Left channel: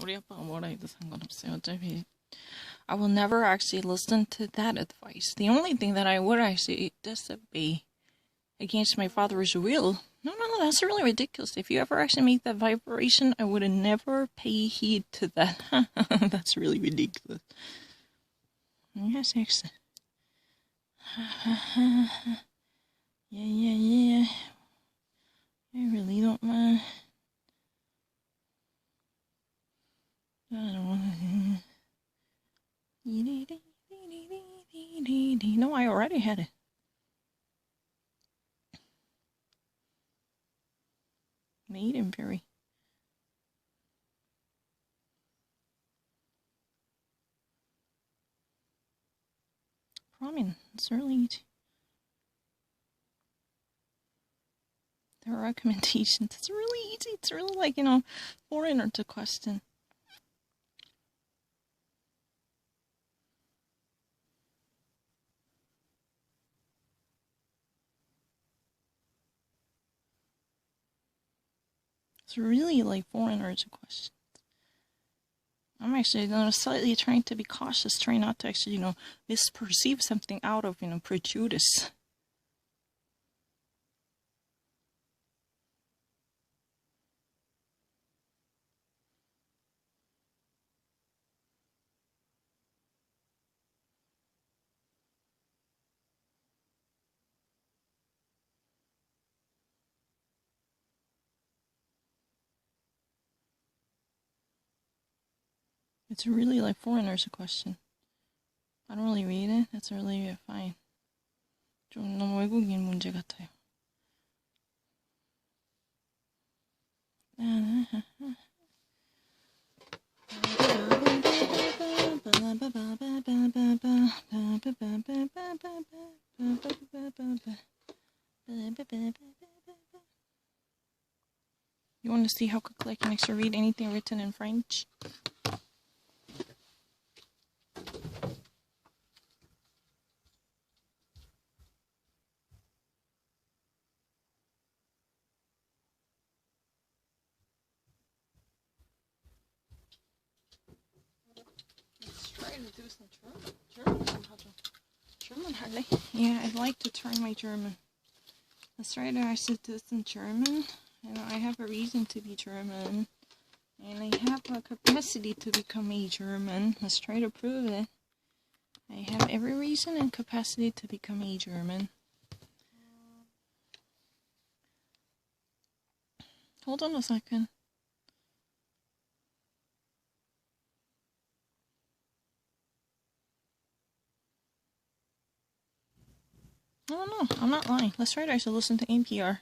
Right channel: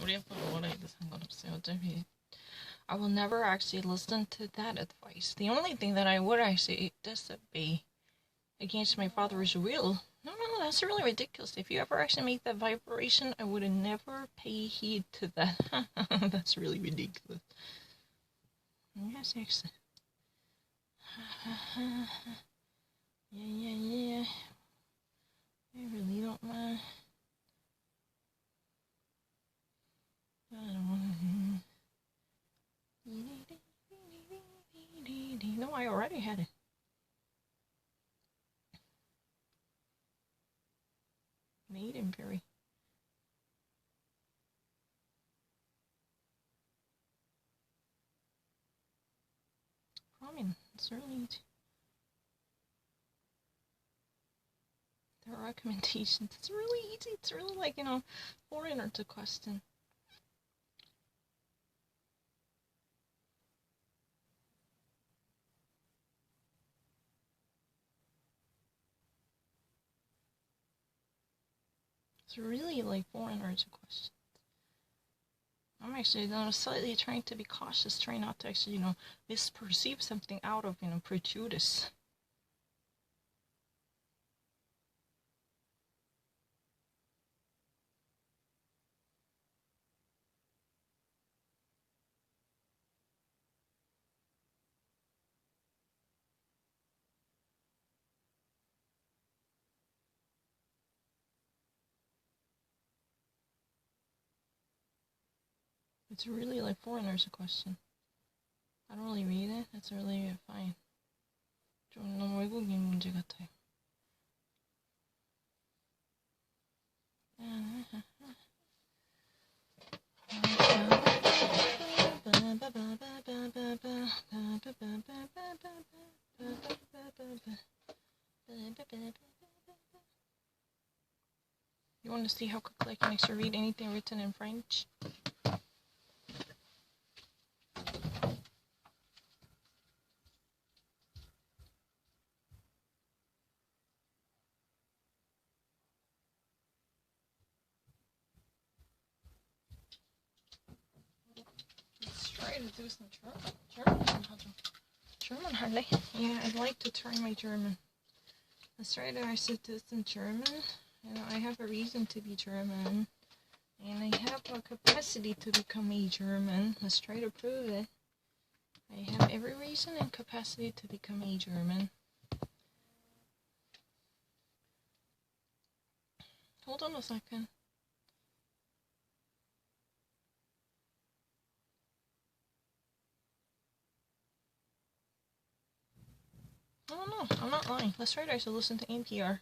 우리 아빠가 뭐라 해도 상관없어요. 어차피 I will never actually listen to that advice. The only thing that I would actually disobey against my father's will. No, that's really ridiculous. If you ever actually make that vibration, I would never pay heed to that. That's really ridiculous. Yes, excellent. Yeah. I really don't mind. I don't want to. No, I already had it. Maiden Berry. Ramen. It's really easy. There are recommendations. It's really easy. It's really like, foreigner to question. It's really like foreigners questions. I'm actually slightly trying to be cautious, trying not to actually, misperceive something out of, prejudice. It's really like foreigners question. I don't really read it. That's really fine. 좀 너무 외국인 문제 같아요. You want to see how quickly I can actually read anything written in French? Let's try to do some German 할래? Yeah, I'd like to try my German. Let's try to actually do some German. I have a reason to be German. And I have a capacity to become a German. Let's try to prove it. I have every reason and capacity to become a German. Hold on a second. No, I'm not lying. Let's try to actually listen to NPR.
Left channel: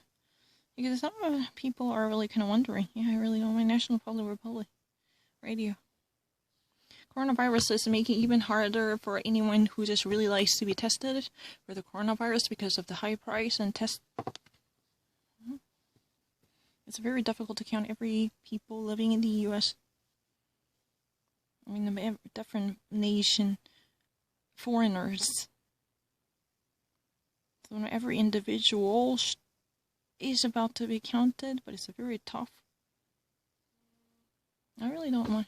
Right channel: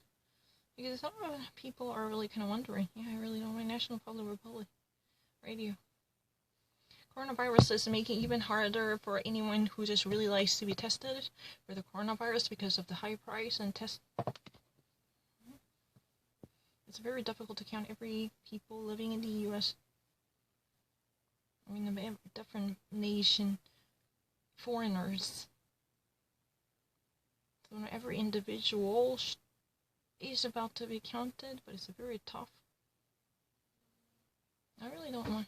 Because some people are really kind of wondering. Yeah, I really don't mind National Public Republic Radio. Coronavirus is making it even harder for anyone who just really likes to be tested for the coronavirus because of the high price and test. It's very difficult to count every people living in the U.S. I mean, the different nation foreigners. So every individual is about to be counted, but it's very tough. I really don't mind.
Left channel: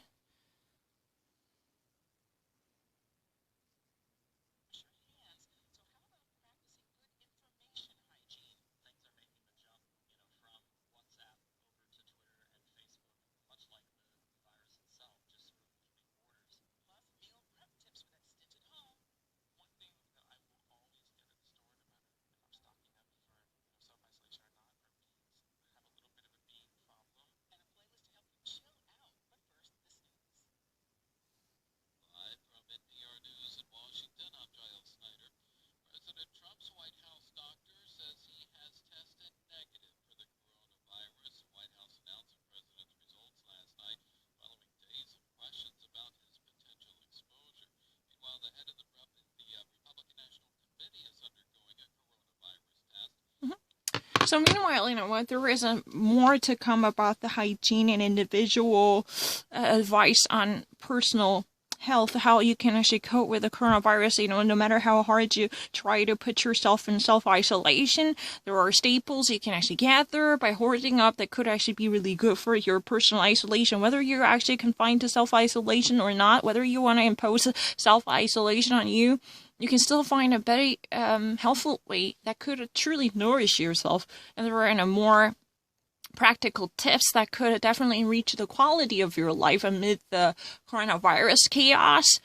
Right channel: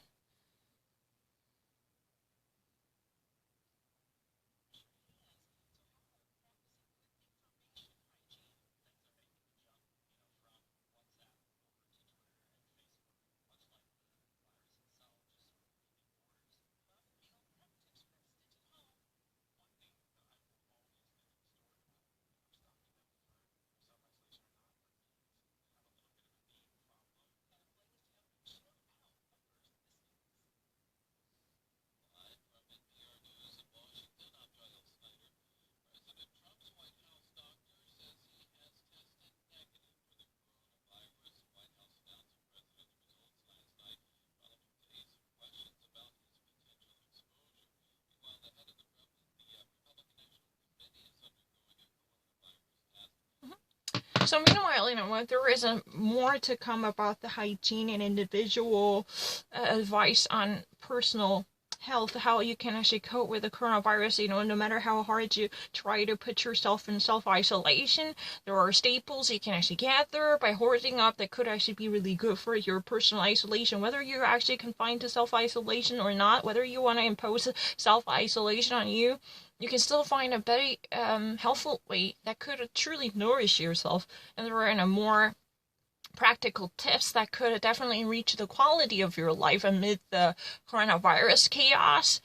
So meanwhile, there is more to come about the hygiene and individual advice on personal health, how you can actually cope with the coronavirus. You know, no matter how hard you try to put yourself in self-isolation, there are staples you can actually gather by hoarding up that could actually be really good for your personal isolation, whether you're actually confined to self-isolation or not, whether you want to impose self-isolation on you. You can still find a very helpful way that could truly nourish yourself, and there are more practical tips that could definitely reach the quality of your life amid the coronavirus chaos.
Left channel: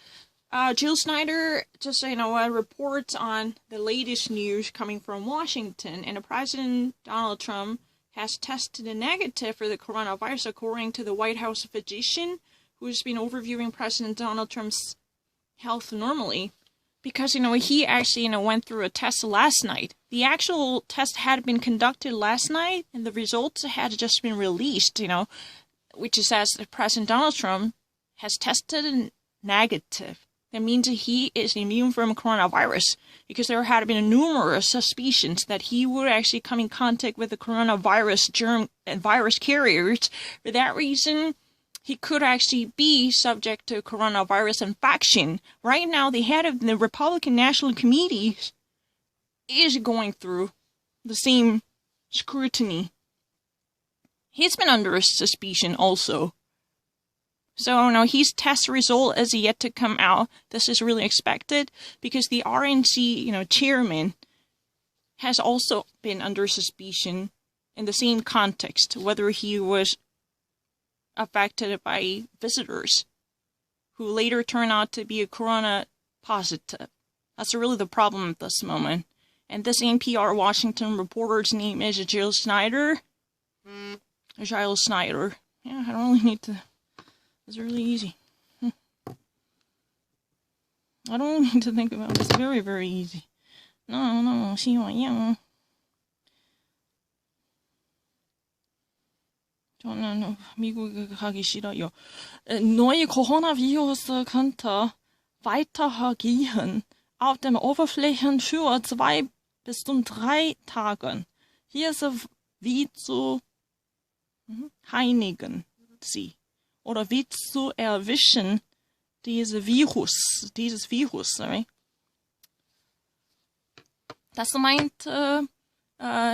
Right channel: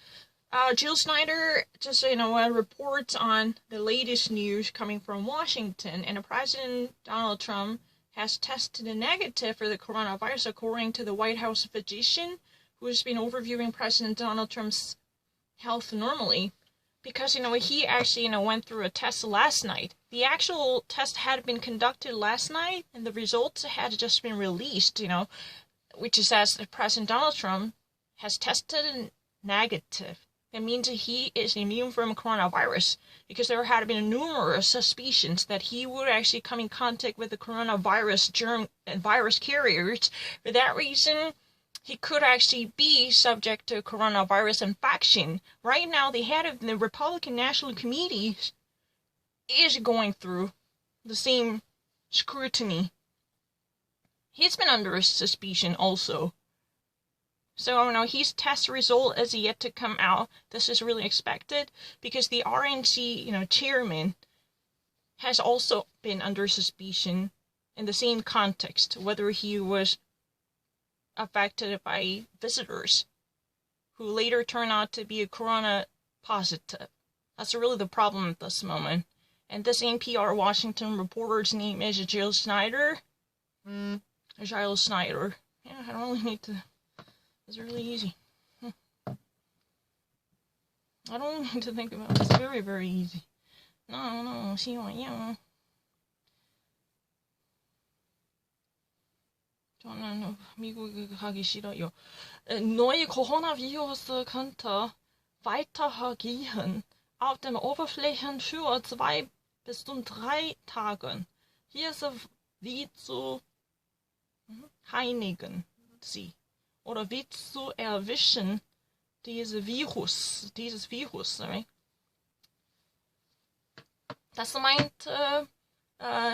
Jill Snyder just, reports on the latest news coming from Washington, and President Donald Trump has tested negative for the coronavirus, according to the White House physician, who has been overviewing President Donald Trump's health normally. Because, he actually, went through a test last night. The actual test had been conducted last night, and the results had just been released, which says that President Donald Trump has tested negative. That means that he is immune from coronavirus, because there had been numerous suspicions that he would actually come in contact with the coronavirus germ and virus carriers. For that reason, he could actually be subject to coronavirus infection. Right now, the head of the Republican National Committee is going through the same scrutiny. He's been under suspicion also. So, no, his test result is yet to come out. This is really expected because the RNC, chairman has also been under suspicion in the same context, whether he was affected by visitors who later turn out to be a corona positive. That's really the problem at this moment. And this NPR Washington reporter's name is Jill Snyder. Jill Snyder. Yeah, I don't really need to. It's really easy. I don't really need to think about it. It's very, very easy. No, 希望呀. 저는 미국에 가기 싫어요. Neue Coronavirus könnte weitergehen auf den Oberflächen für 2 bis 3 Tagen. Hier ist wie zu heinigen sie oder wie zu erwischen dieses Virus, sorry. Das meint,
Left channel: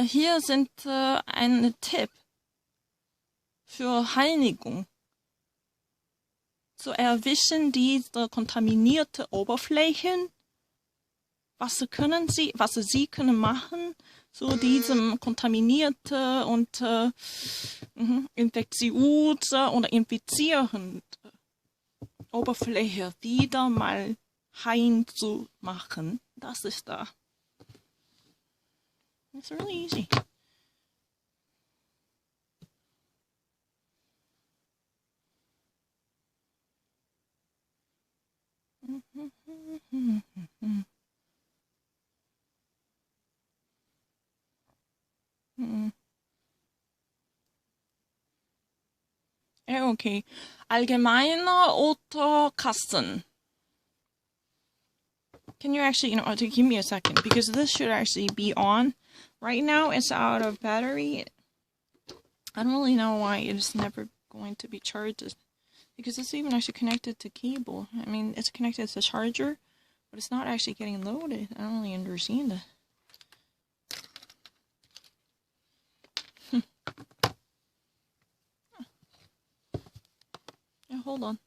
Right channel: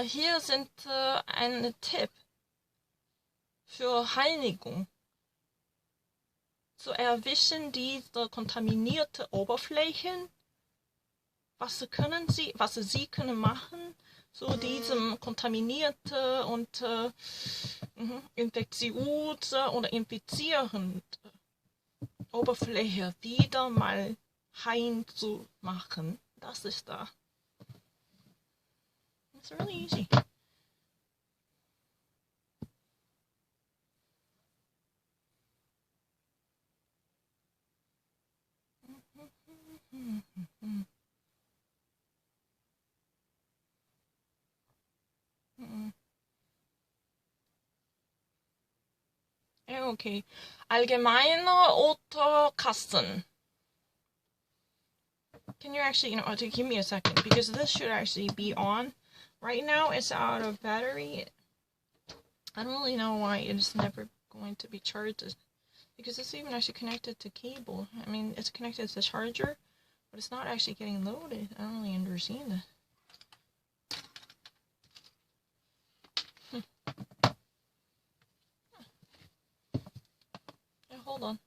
hier sind ein Tipp für Heinigung. Zu erwischen diese kontaminierte Oberflächen. Was sie können machen, zu diesem kontaminierte und infektiöse oder infizierende Oberfläche wieder mal heim zu machen. Das ist da. It's really easy. Ja, okay. Allgemeine Autokasten. Can you actually, to give me a second, because this should actually be on. Right now, it's out of battery. I don't really know why it's never going to be charged. Because it's even actually connected to cable. I mean, it's connected to the charger, but it's not actually getting loaded. I don't really understand that. Yeah, hold on.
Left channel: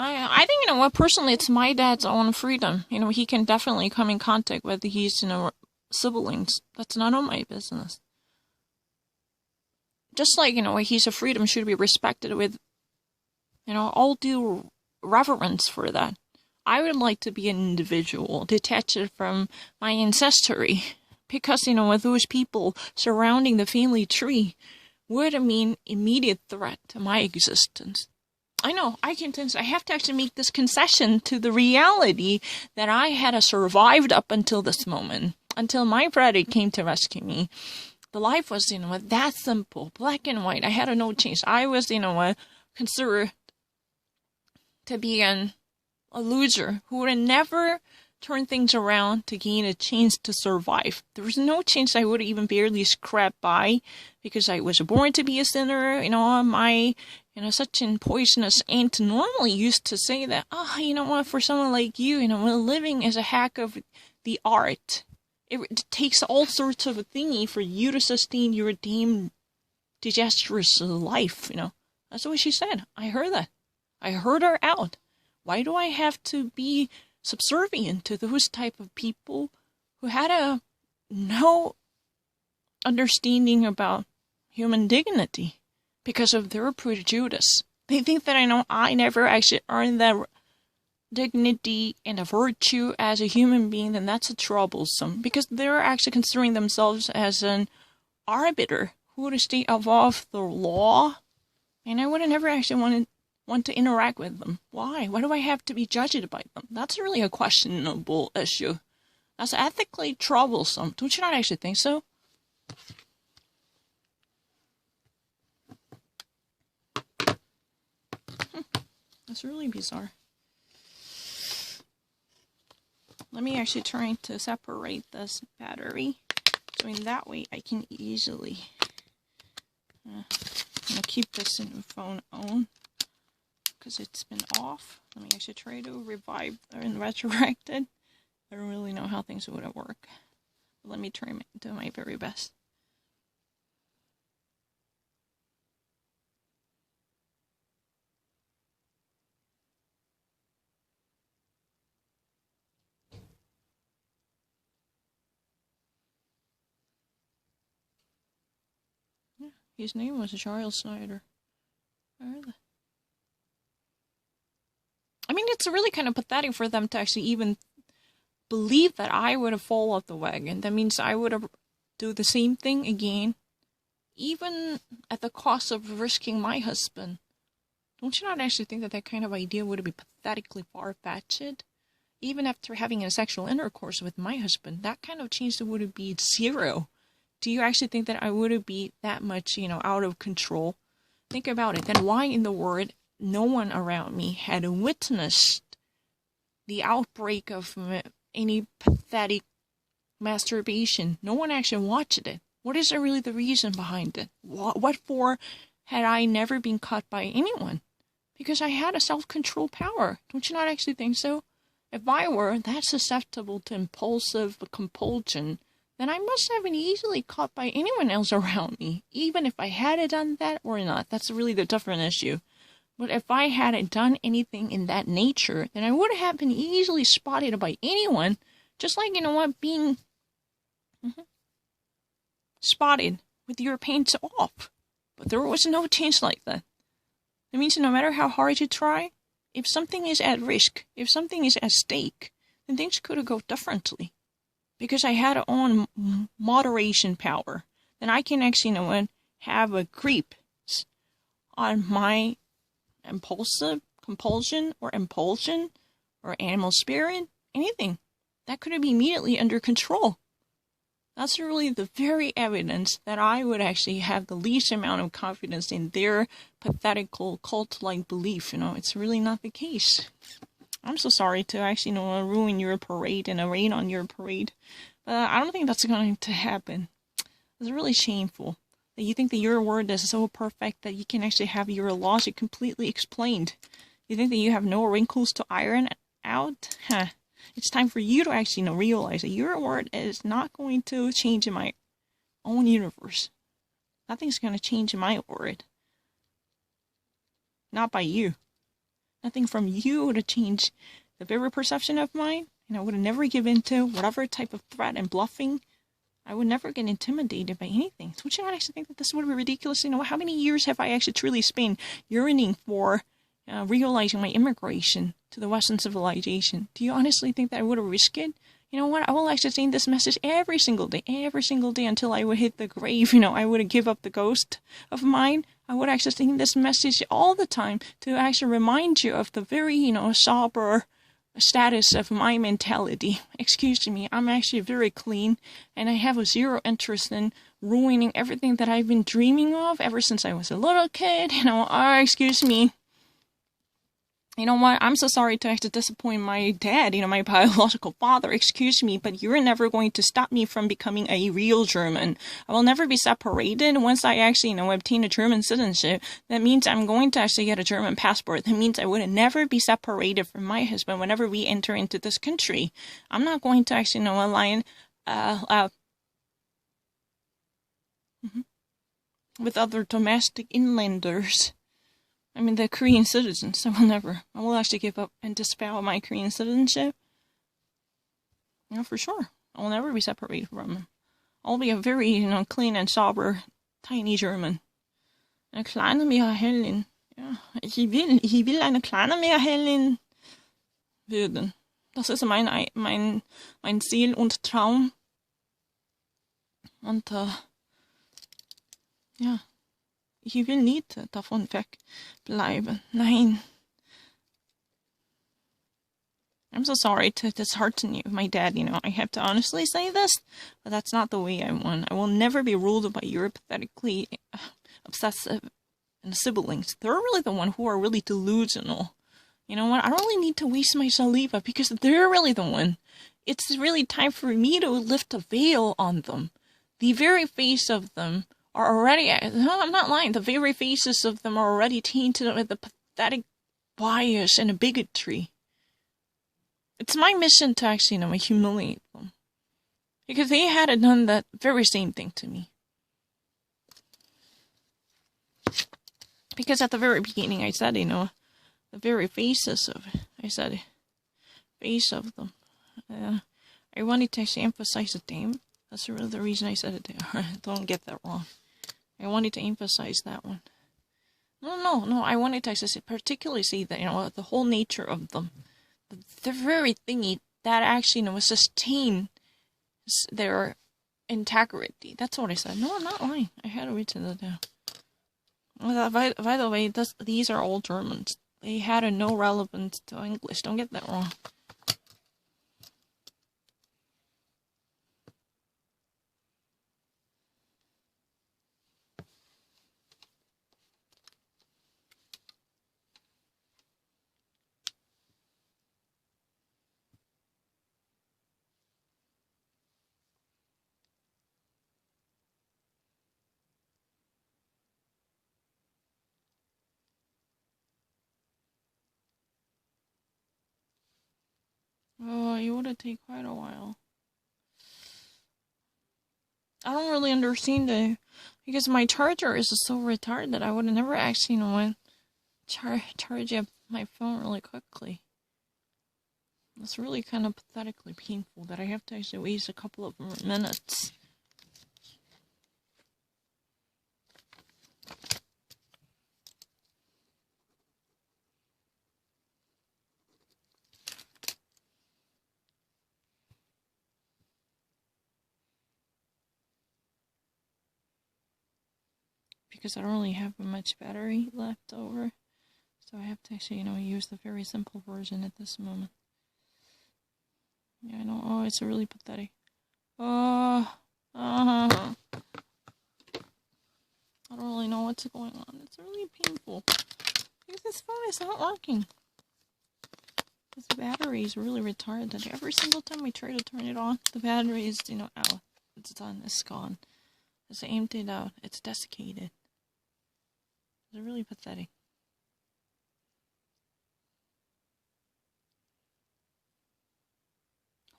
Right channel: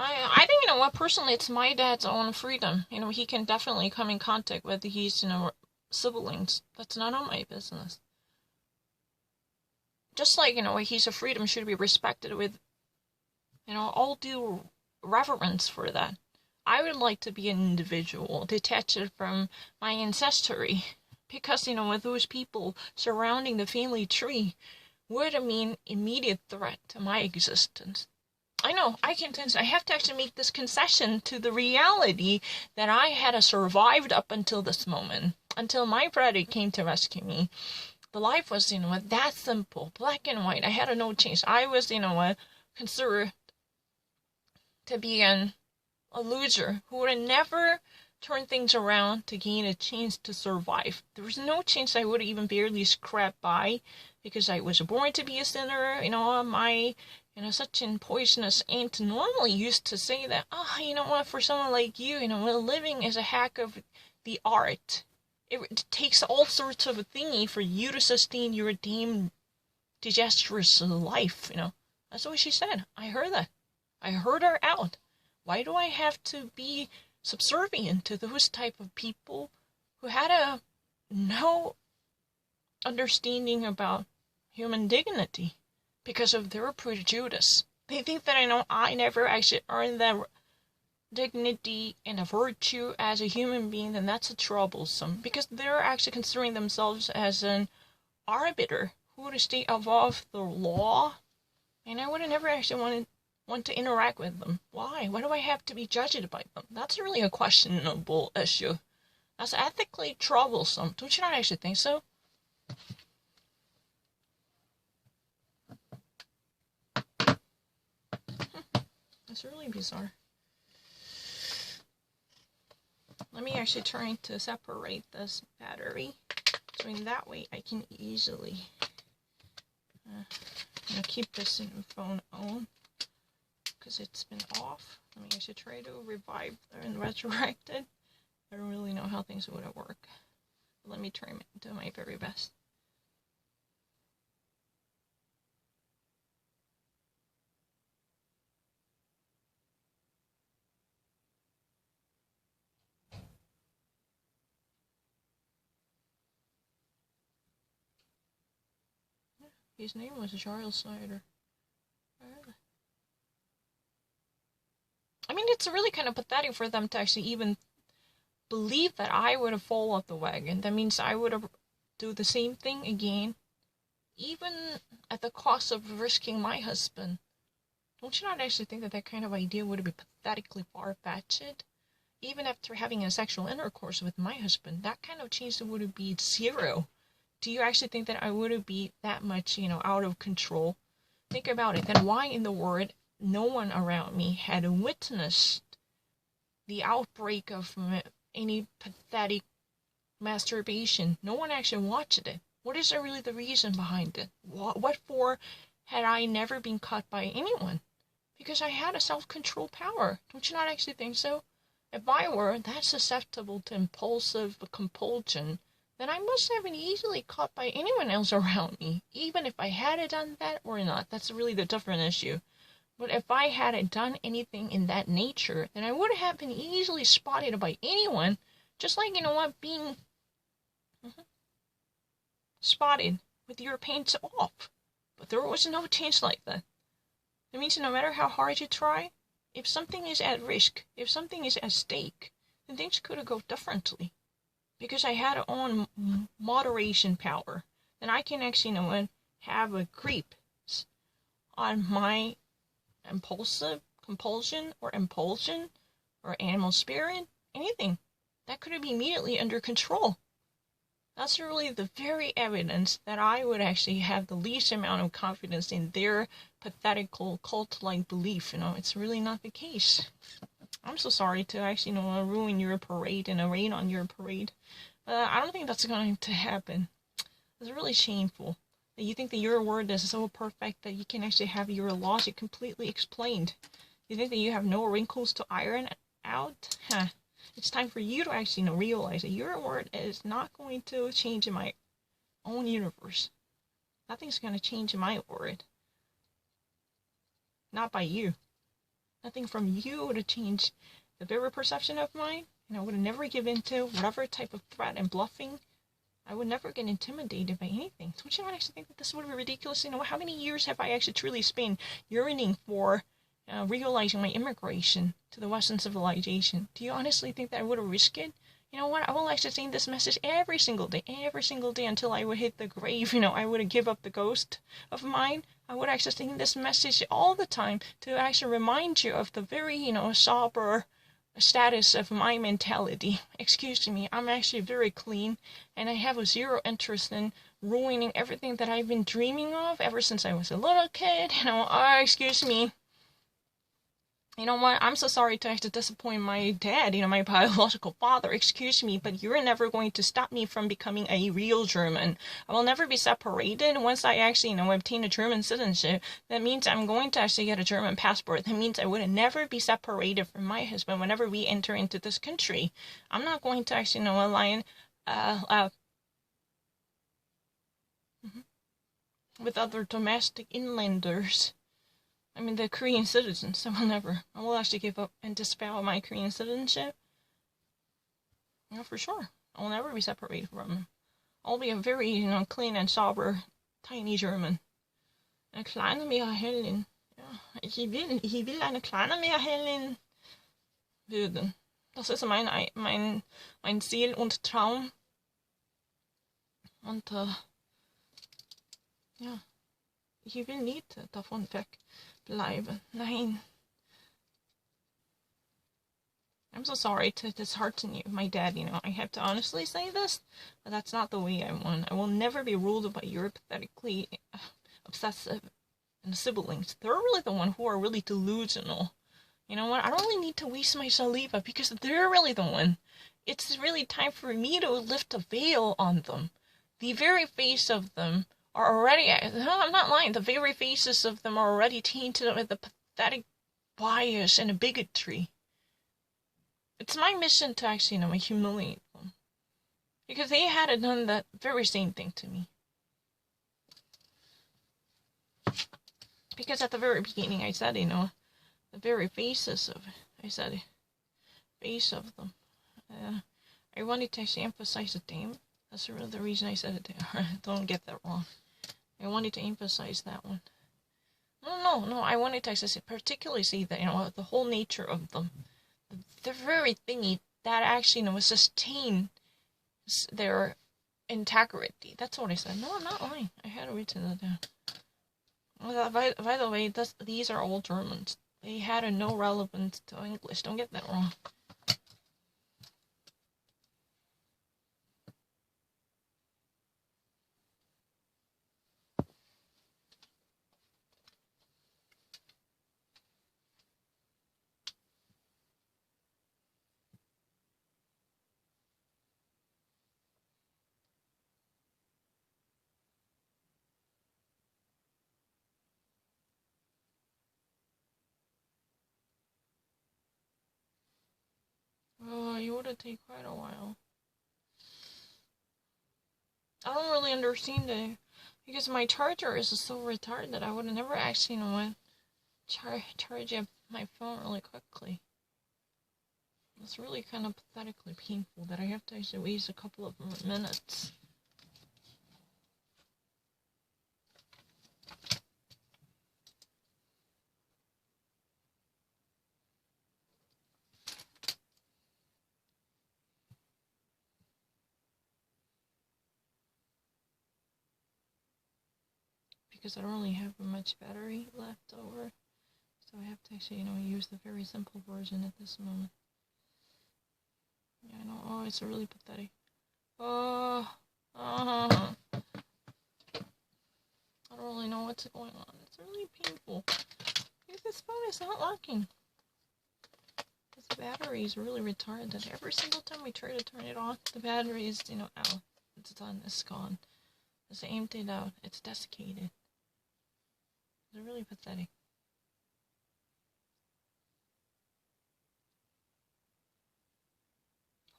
I think, what, personally, it's my dad's own freedom. He can definitely come in contact with his, siblings. That's none of my business. Just like, his freedom should be respected with, all due reverence for that. I would like to be an individual, detached from my ancestry. Because, with those people surrounding the family tree would mean immediate threat to my existence. I know, I have to actually make this concession to the reality that I had survived up until this moment, until my brother came to rescue me. The life was, that simple, black and white. I had no change. I was, considered to be a loser who would never turn things around to gain a chance to survive. There was no chance I would even barely scrap by because I was born to be a sinner. My such an poisonous aunt normally used to say that, for someone like you, living is a hack of the art. It takes all sorts of a thingy for you to sustain your damn disastrous life, That's what she said. I heard that. I heard her out. Why do I have to be subservient to those type of people who had no understanding about human dignity because of their prejudice? They think that I never actually earned that dignity and a virtue as a human being, then that's a troublesome, because they're actually considering themselves as an arbiter who would stay above the law, and I would have never actually want to interact with them. Why? Why do I have to be judged by them? That's really a questionable issue. That's ethically troublesome. Don't you not actually think so? That's really bizarre. Let me actually try to separate this battery, so in that way I can easily keep this in the phone on, because it's been off. Let me actually try to revive and resurrect it. I don't really know how things would work, but let me try to do my very best. His name was Charles Snyder. I mean, it's really kind of pathetic for them to actually even believe that I would have fallen off the wagon. That means I would have do the same thing again, even at the cost of risking my husband. Don't you not actually think that kind of idea would be pathetically far-fetched? Even after having a sexual intercourse with my husband, that kind of chance would be zero. Do you actually think that I would be that much, out of control? Think about it. Then why in the world no one around me had witnessed the outbreak of any pathetic masturbation? No one actually watched it. What is really the reason behind it? What for had I never been caught by anyone? Because I had a self-control power. Don't you not actually think so? If I were that susceptible to impulsive compulsion, then I must have been easily caught by anyone else around me, even if I had done that or not. That's really the different issue. But if I hadn't done anything in that nature, then I would have been easily spotted by anyone, just like, being spotted with your pants off. But there was no chance like that. That means no matter how hard you try, if something is at risk, if something is at stake, then things could go differently. Because I had on moderation power, then I can actually, have a creep on my impulsive compulsion or impulsion or animal spirit, anything. That could be immediately under control. That's really the very evidence that I would actually have the least amount of confidence in their pathetical cult-like belief. It's really not the case. I'm so sorry to actually, ruin your parade and rain on your parade. But I don't think that's going to happen. It's really shameful that you think that your word is so perfect that you can actually have your logic completely explained. You think that you have no wrinkles to iron out? It's time for you to actually realize that your word is not going to change in my own universe. Nothing's going to change in my word. Not by you. Nothing from you would change the very perception of mine, and I would never give in to whatever type of threat and bluffing. I would never get intimidated by anything. Don't you not actually think that this would be ridiculous? How many years have I actually truly spent yearning for realizing my immigration to the Western civilization? Do you honestly think that I would have risked it? You know what? I will actually send this message every single day until I would hit the grave. I would give up the ghost of mine. I would actually send this message all the time to actually remind you of the very, sober status of my mentality. Excuse me, I'm actually very clean, and I have a zero interest in ruining everything that I've been dreaming of ever since I was a little kid. Excuse me. You know what? I'm so sorry to have to disappoint my dad, my biological father. Excuse me, but you're never going to stop me from becoming a real German. I will never be separated once I actually, obtain a German citizenship. That means I'm going to actually get a German passport. That means I would never be separated from my husband whenever we enter into this country. I'm not going to actually, align with other domestic inlanders. I mean, the Korean citizens. I will actually give up and disavow my Korean citizenship. For sure. I will never be separated from him. I'll be a very, clean and sober, tiny German. Eine kleine Meerhellin. Ja, ich will eine kleine Meerhellin werden. Das ist mein Ziel und Traum. Und, ja. Ich will nicht davon wegbleiben. Nein. I'm so sorry to dishearten you, my dad. I have to honestly say this, but that's not the way I want. I will never be ruled by your pathetically obsessive and siblings. They're really the one who are really delusional. You know what? I don't really need to waste my saliva because they're really the one. It's really time for me to lift a veil on them. The very face of them are already, no, I'm not lying, the very faces of them are already tainted with the pathetic bias and bigotry. It's my mission to actually, humiliate them. Because they had done that very same thing to me. Because at the very beginning I said, the very faces of it, I said, face of them. I wanted to actually emphasize the name. That's really the reason I said it there. Don't get that wrong. I wanted to emphasize that one. No. I wanted to actually particularly see that, the whole nature of them. The very thingy that actually, was sustain their integrity. That's what I said. No, I'm not lying. I had to read it down. By the way, these are all Germans. They had no relevance to English. Don't get that wrong. It would take quite a while. I don't really understand it because my charger is so retarded that I would have never actually, charge up my phone really quickly. It's really kind of pathetically painful that I have to actually waste a couple of more minutes. Because I don't really have much battery left over. So I have to actually, use the very simple version at this moment. Yeah, I know. Oh, it's really pathetic. I don't really know what's going on. It's really painful. Because this phone is not working. This battery is really retarded. Every single time we try to turn it on, the battery is, out. It's done. It's gone. It's emptied out. It's desiccated. It's really pathetic.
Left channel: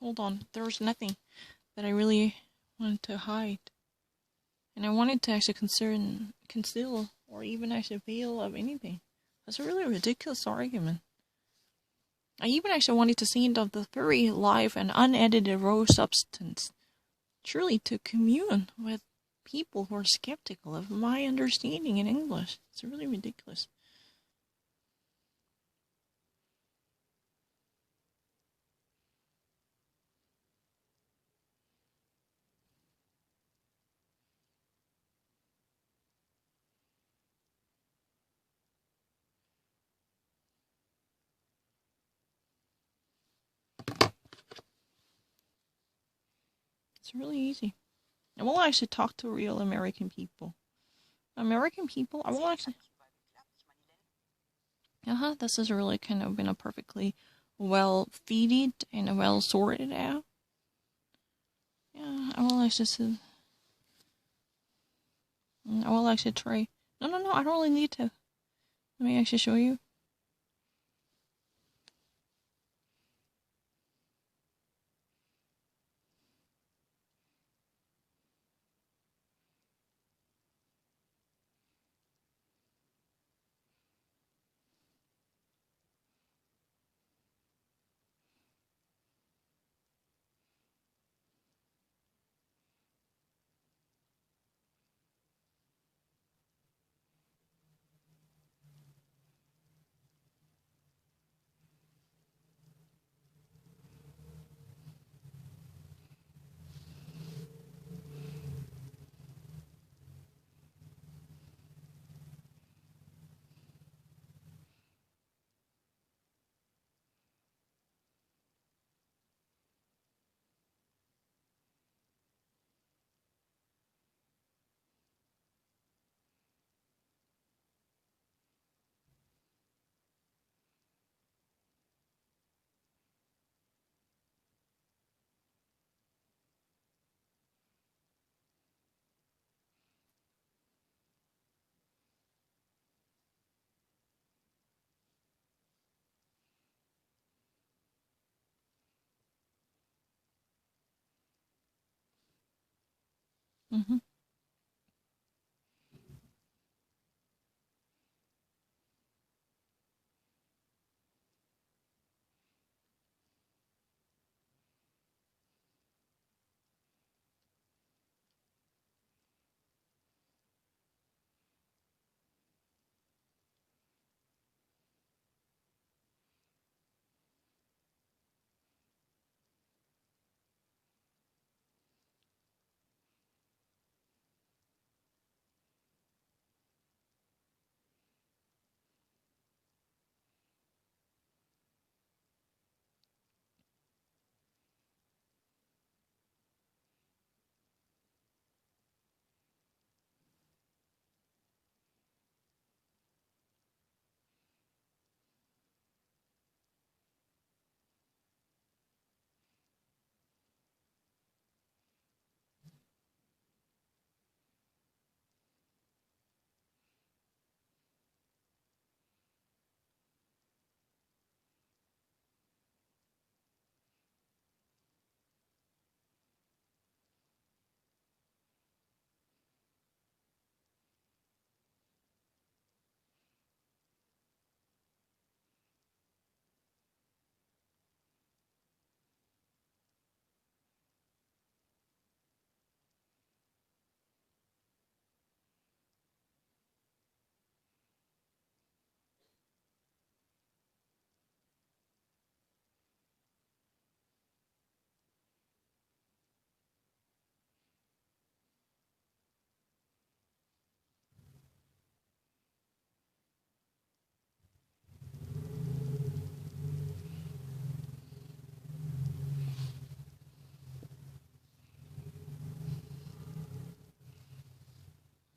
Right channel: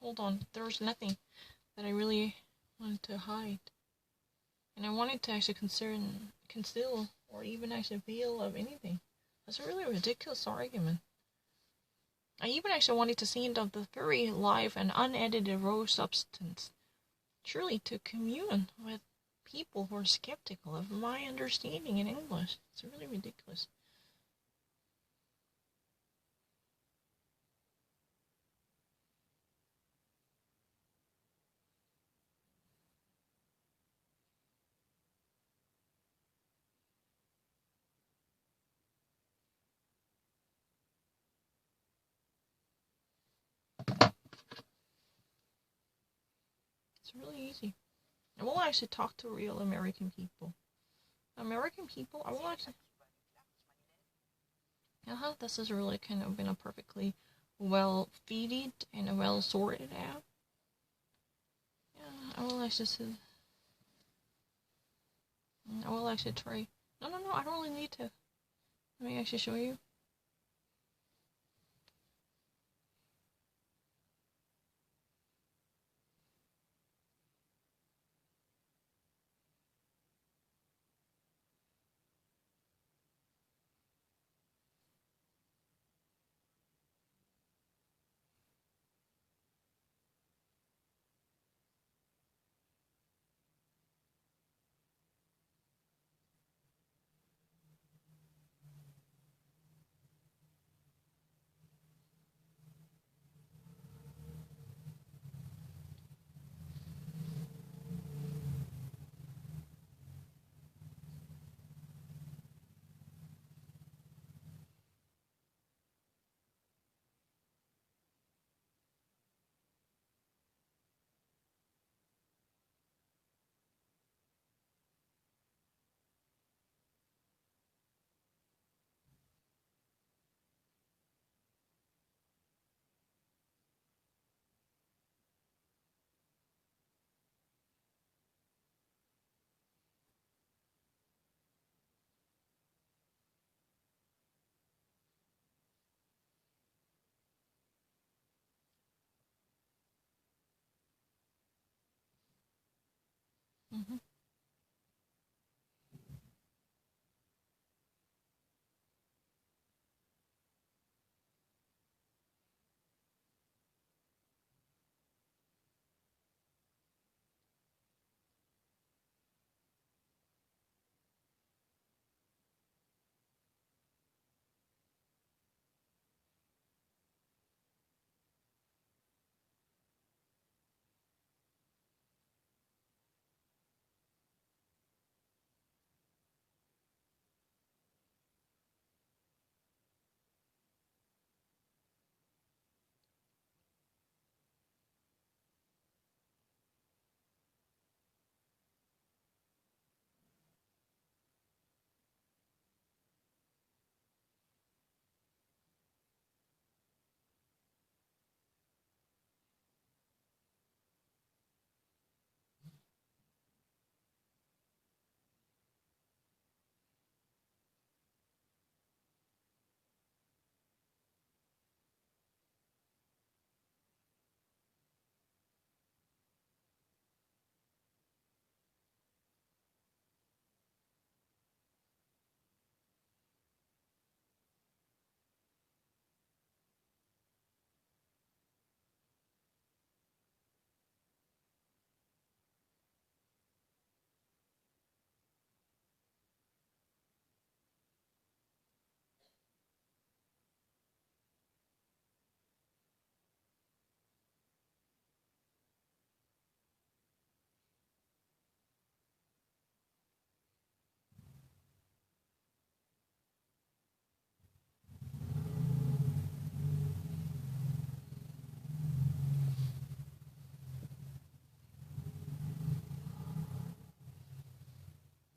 Hold on. There's nothing that I really wanted to hide. And I wanted to actually conceal, or even actually veil of anything. That's a really ridiculous argument. I even actually wanted to send of the very live and unedited raw substance. Truly to commune with people who are skeptical of my understanding in English. It's really ridiculous. It's really easy. I will actually talk to real American people. American people, I will actually... This has really kind of been a perfectly well feeded and a well sorted out. Yeah, I will actually try. No, I don't really need to. Let me actually show you. Mm-hmm.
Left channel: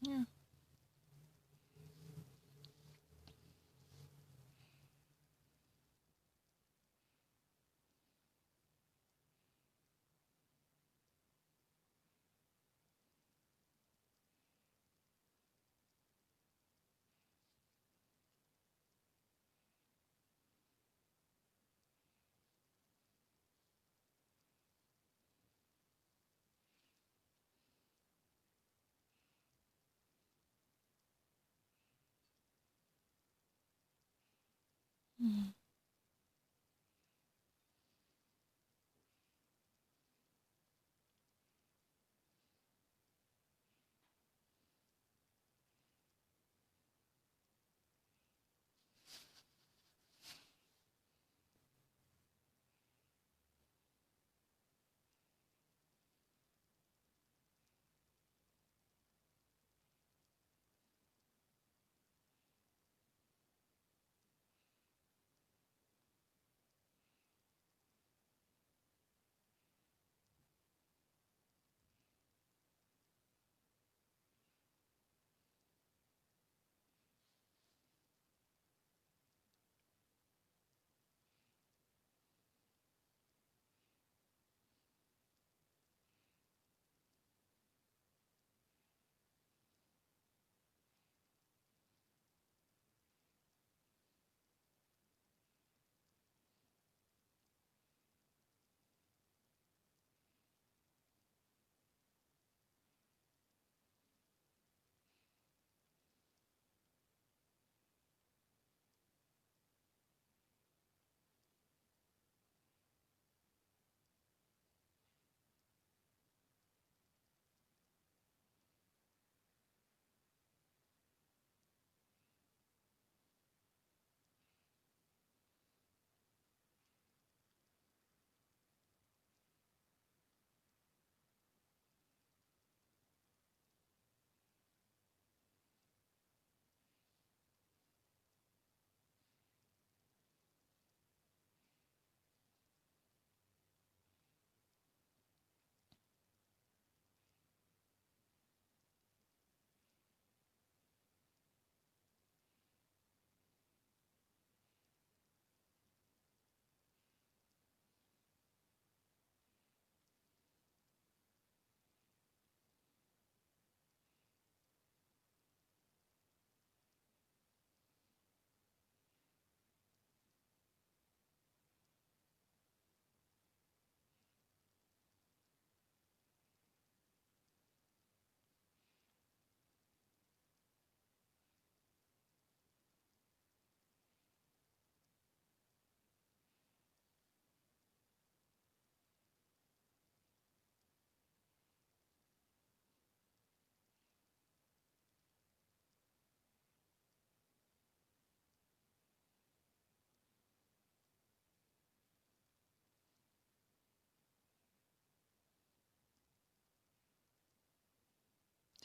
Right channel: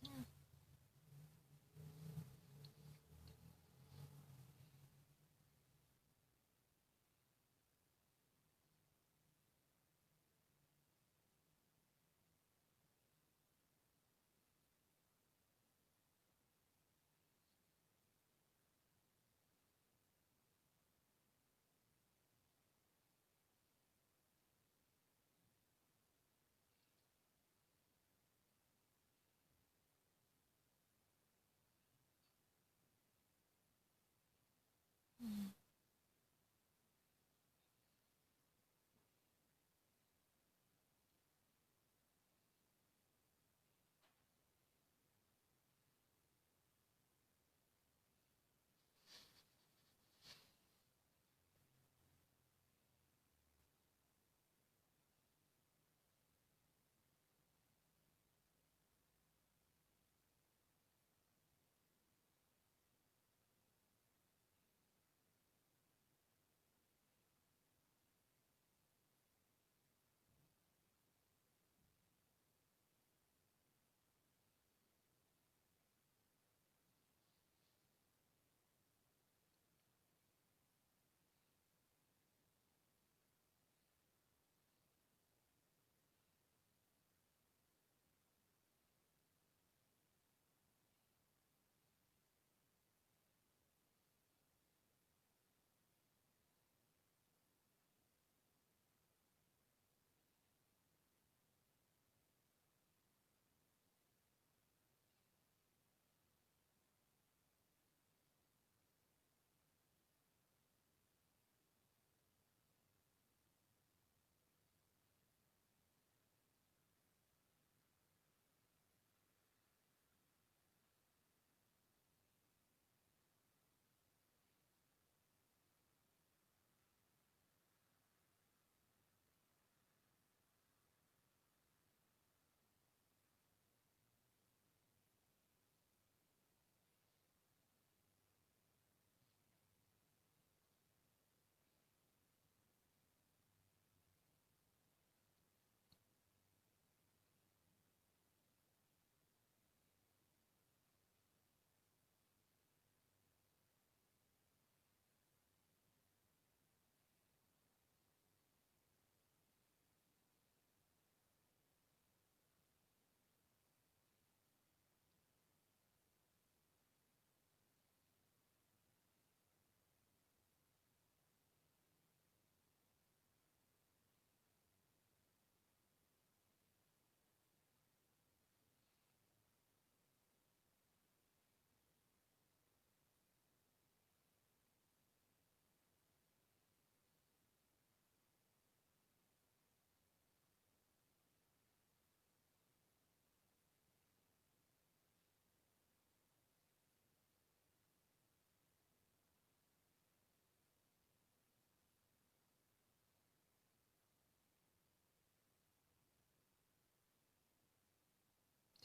Yeah. Mm-hmm.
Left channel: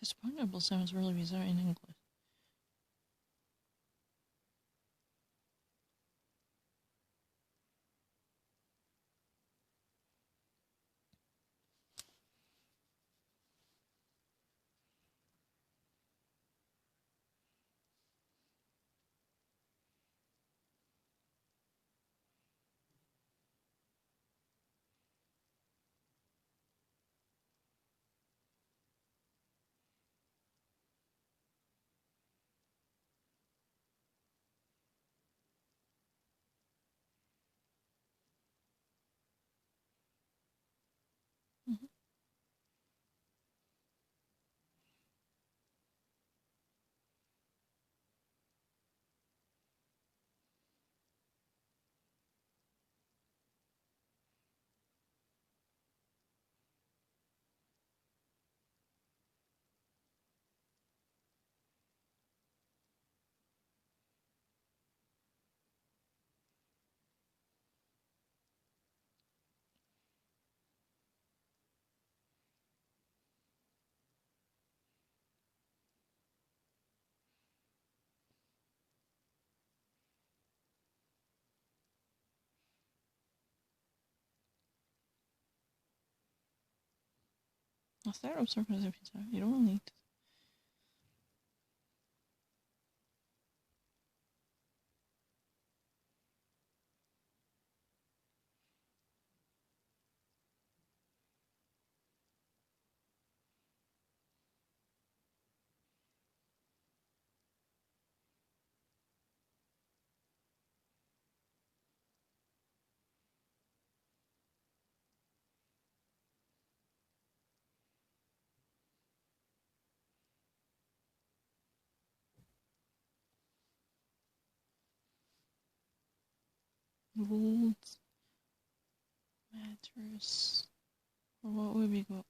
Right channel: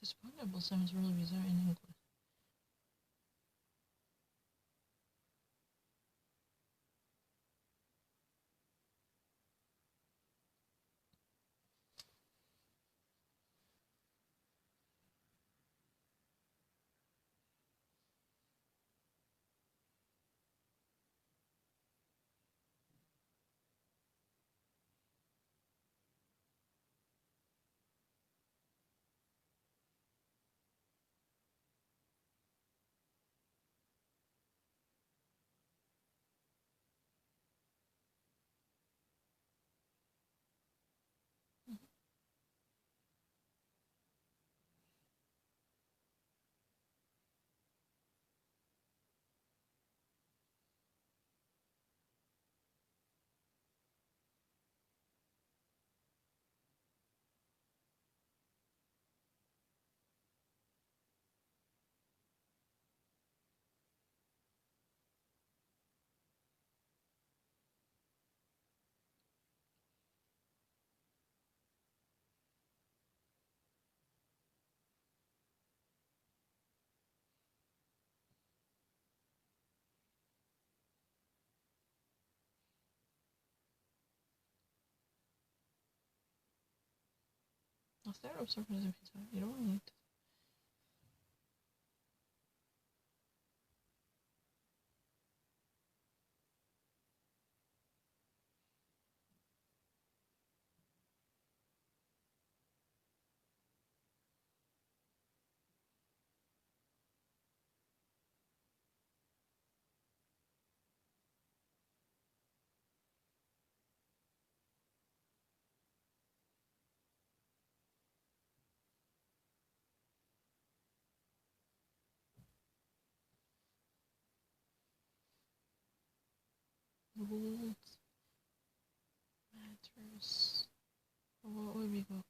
Because pineapple sounds really bizarre in English. Mm-hmm. Hacer observaciones de pizza. You don't need to. Rules, matters. What would we go?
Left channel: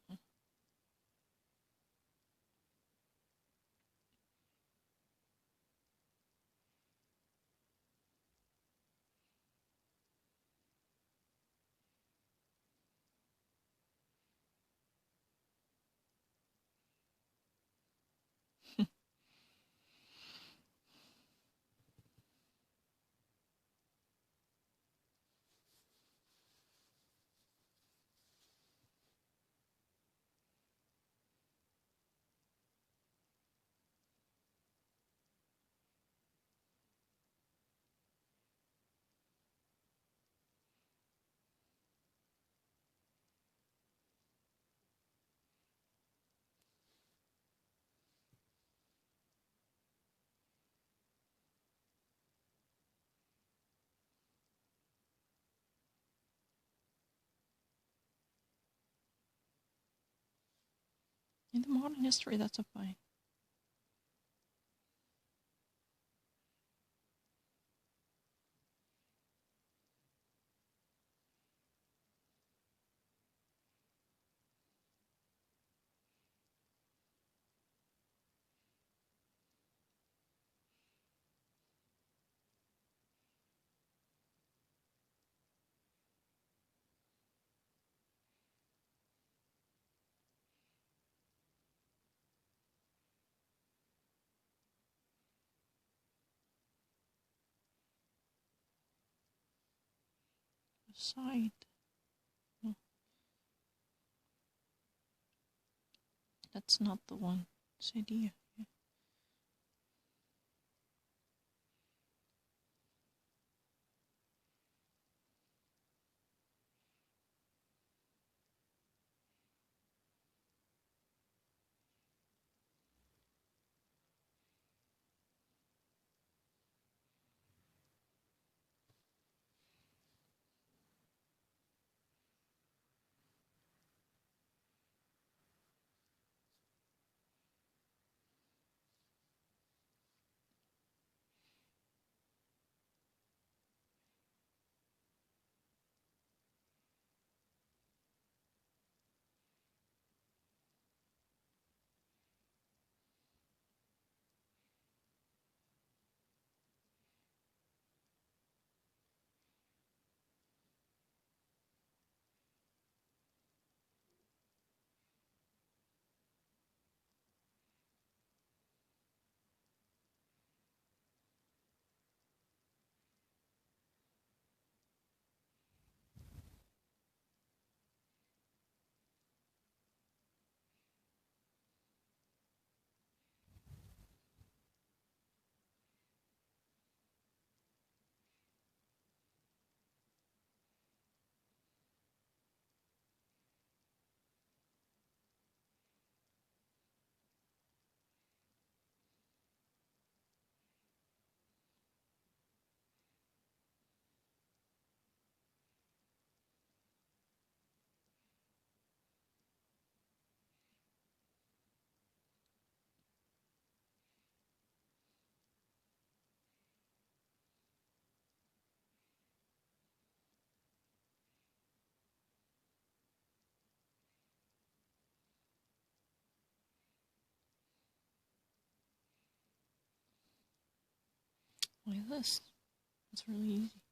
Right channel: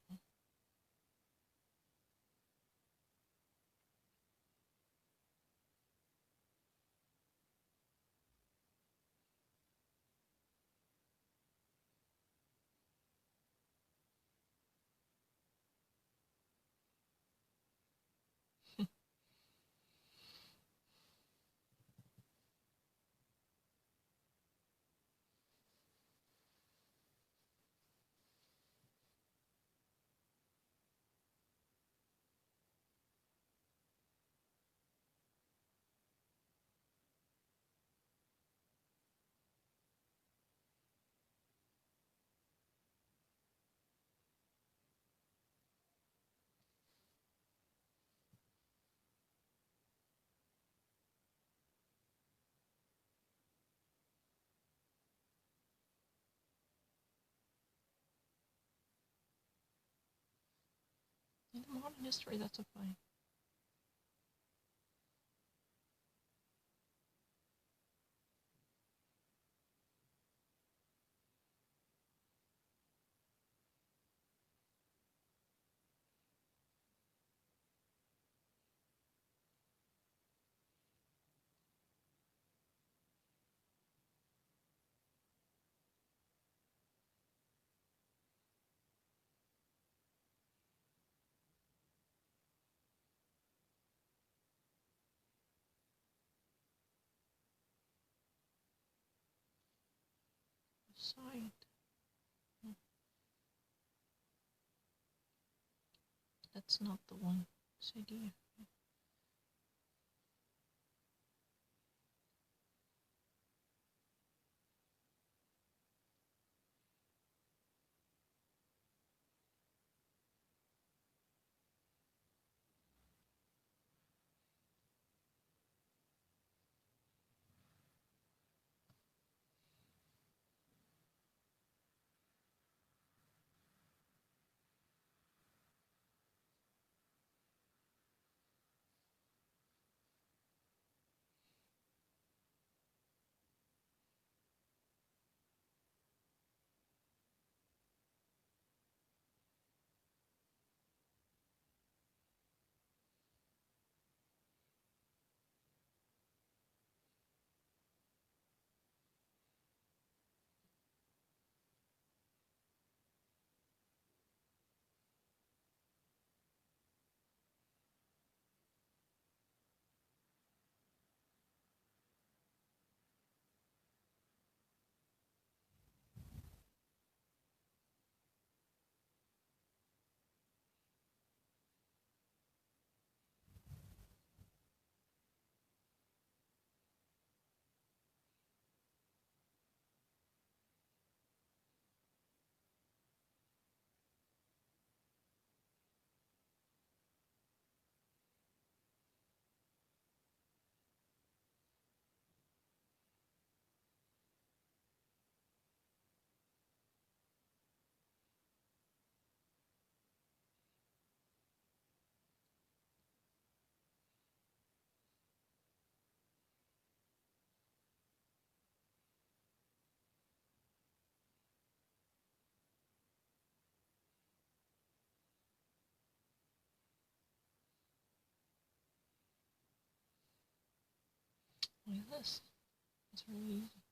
In the modern history, that's a fine. Side. No, that's not the one. This idea. Yeah. like this. It's really easy.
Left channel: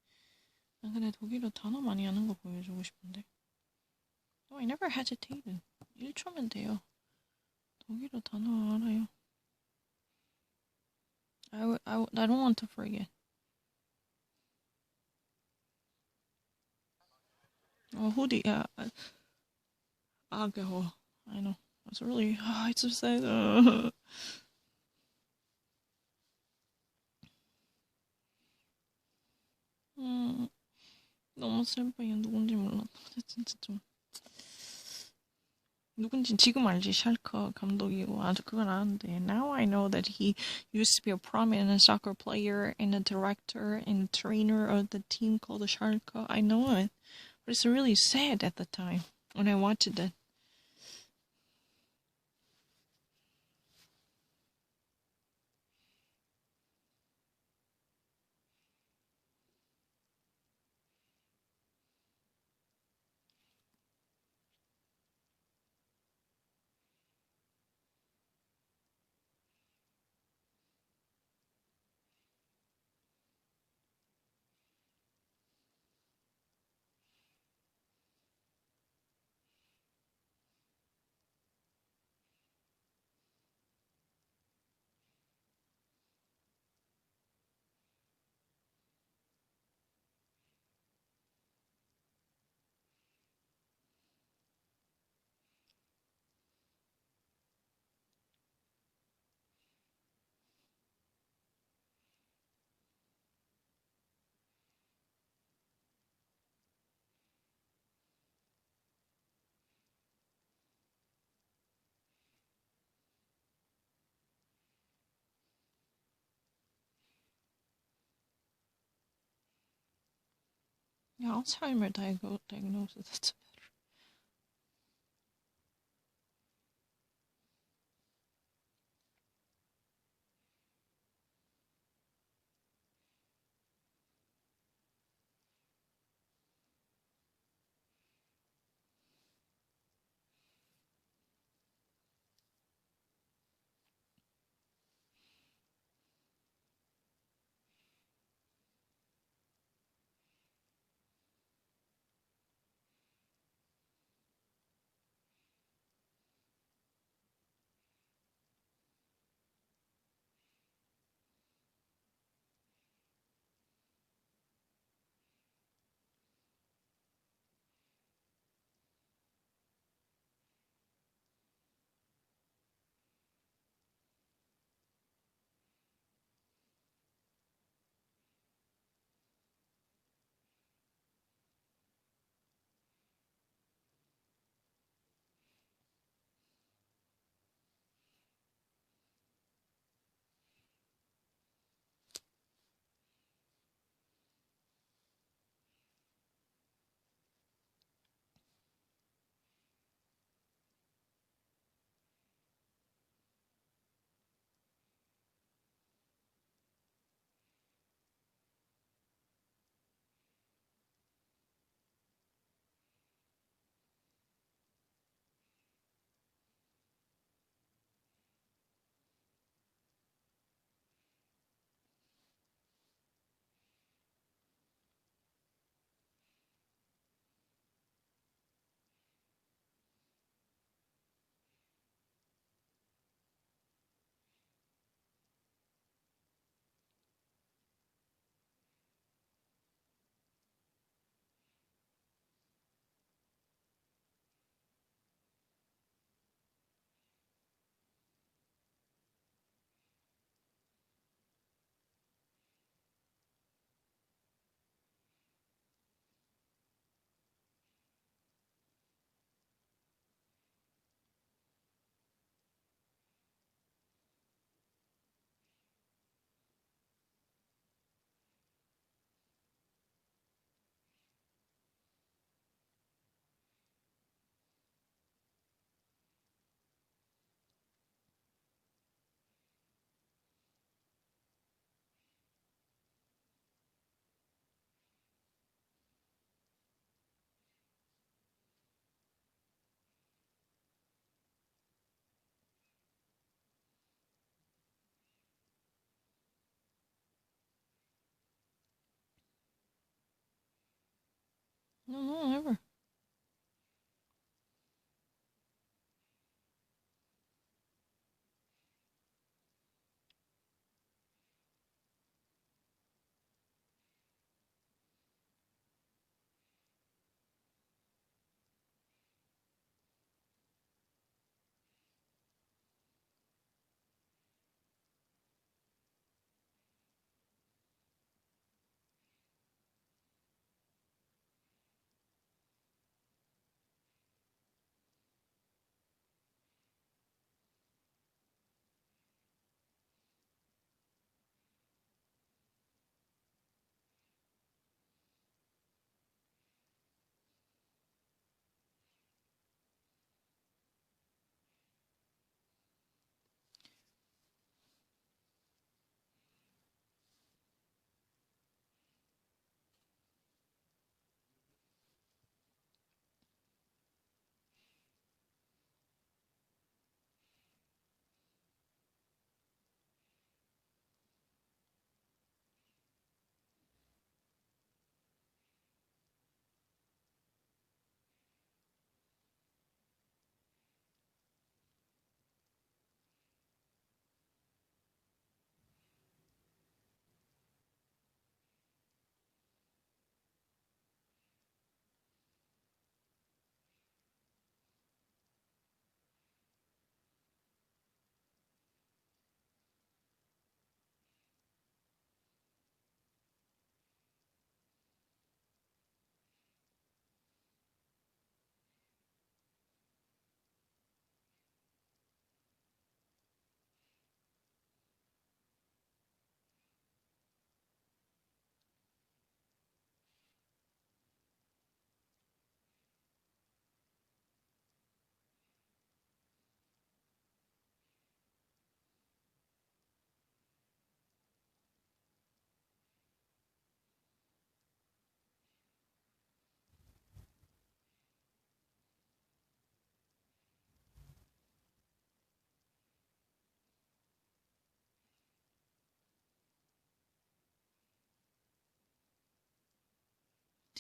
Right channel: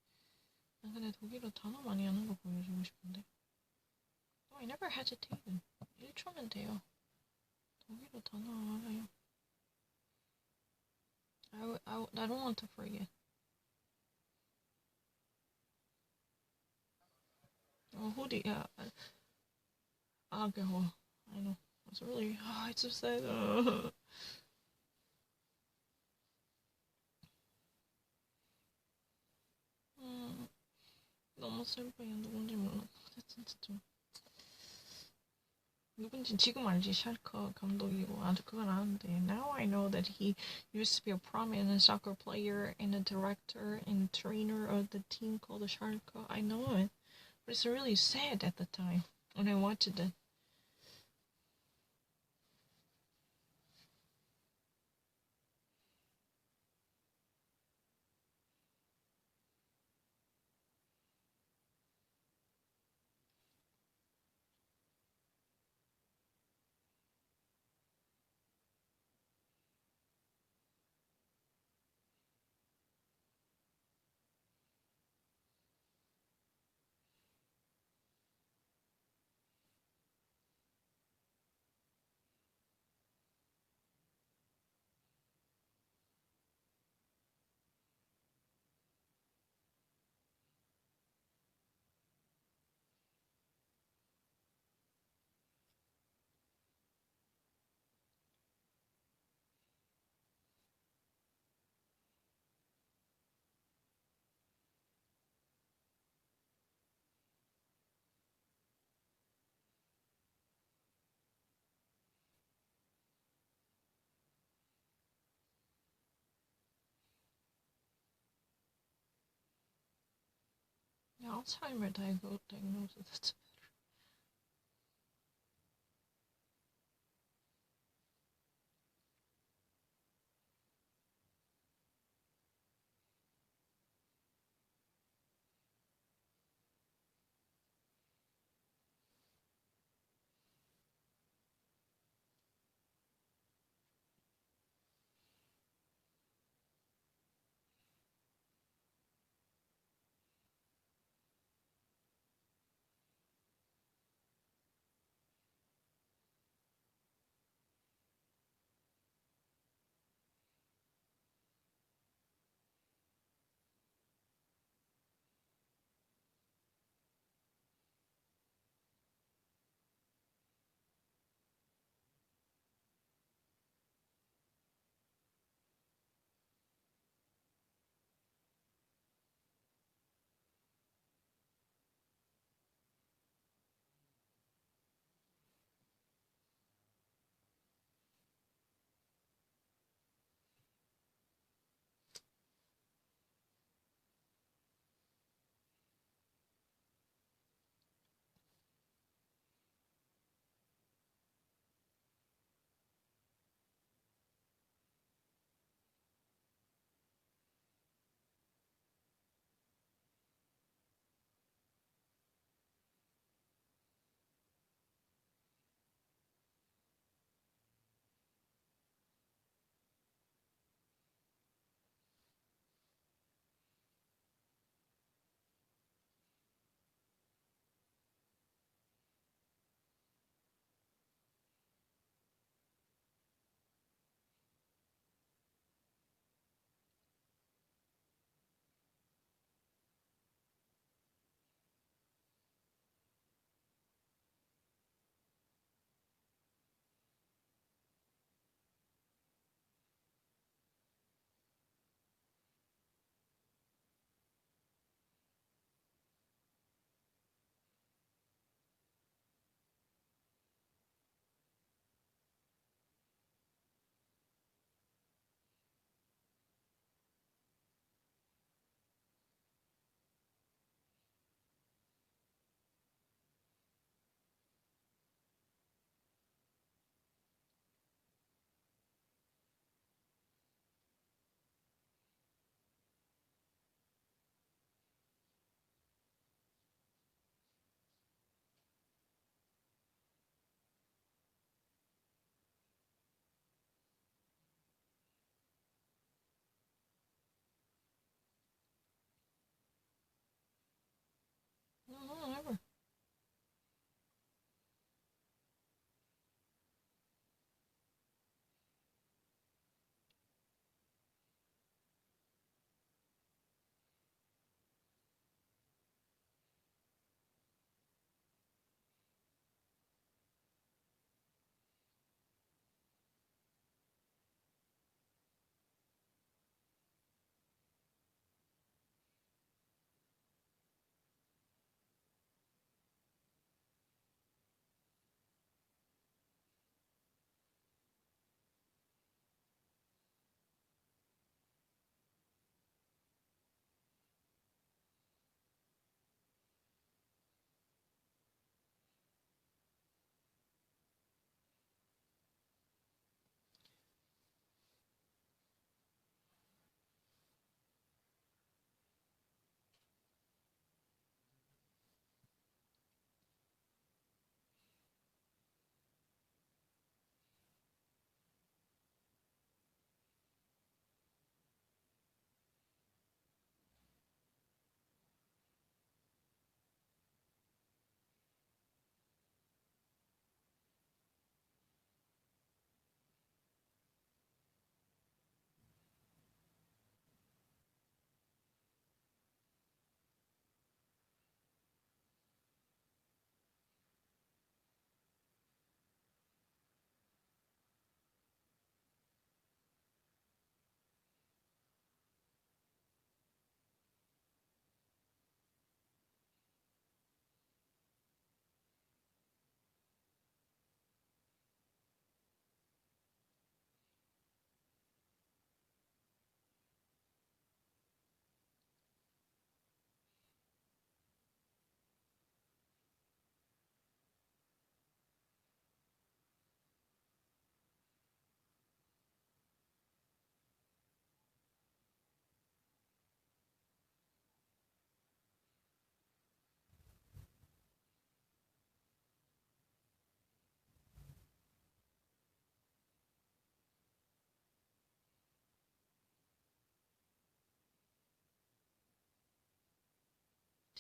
난 근데 독일어 단어 많이 하는 거 보여주고 싶은데. No, I never hesitated. 1초면 돼요. 독일어 단어 알아요. I don't want to forget. Hoodie, yeah. Alcohol. I know. It's really, it's so sad. 너무 슬퍼요. 누군지 몰라. 진짜 좀. 누군지 지금 알지. 샬커 감독이고 아주 그건 아는데. Now I know that he used to be a prominent soccer player and a director and a trainer of the team called the Schalke. I know it. But it's really sad at the time when I watched it. Yeah, Alzheimer diagnosis. That's better. No, no, never.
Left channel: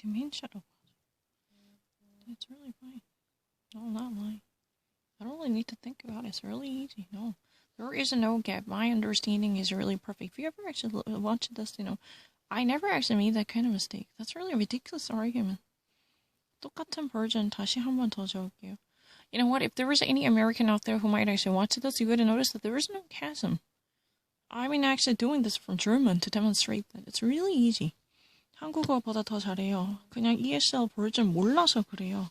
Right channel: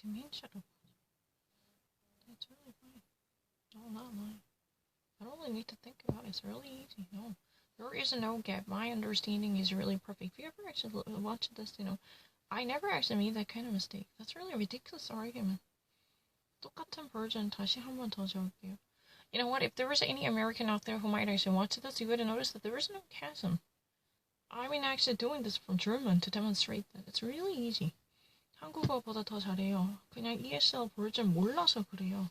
Dementia. It's really fine. No, not lying. I don't really need to think about it. It's really easy. No, there is no gap. My understanding is really perfect. If you ever actually watch this, I never actually made that kind of mistake. That's really a ridiculous argument. 똑같은 version 다시 한 번 더 적을게요. You know what? If there was any American out there who might actually watch this, you would have noticed that there is no chasm. I mean, actually doing this from German to demonstrate that it's really easy. 한국어보다 더 잘해요. 그냥 ESL 버전 몰라서 그래요.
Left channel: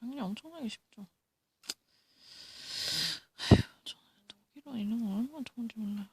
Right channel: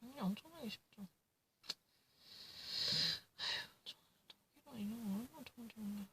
당연히 엄청나게 쉽죠. 아휴, 저는 독일어 이런 거 얼마나 좋은지 몰라요.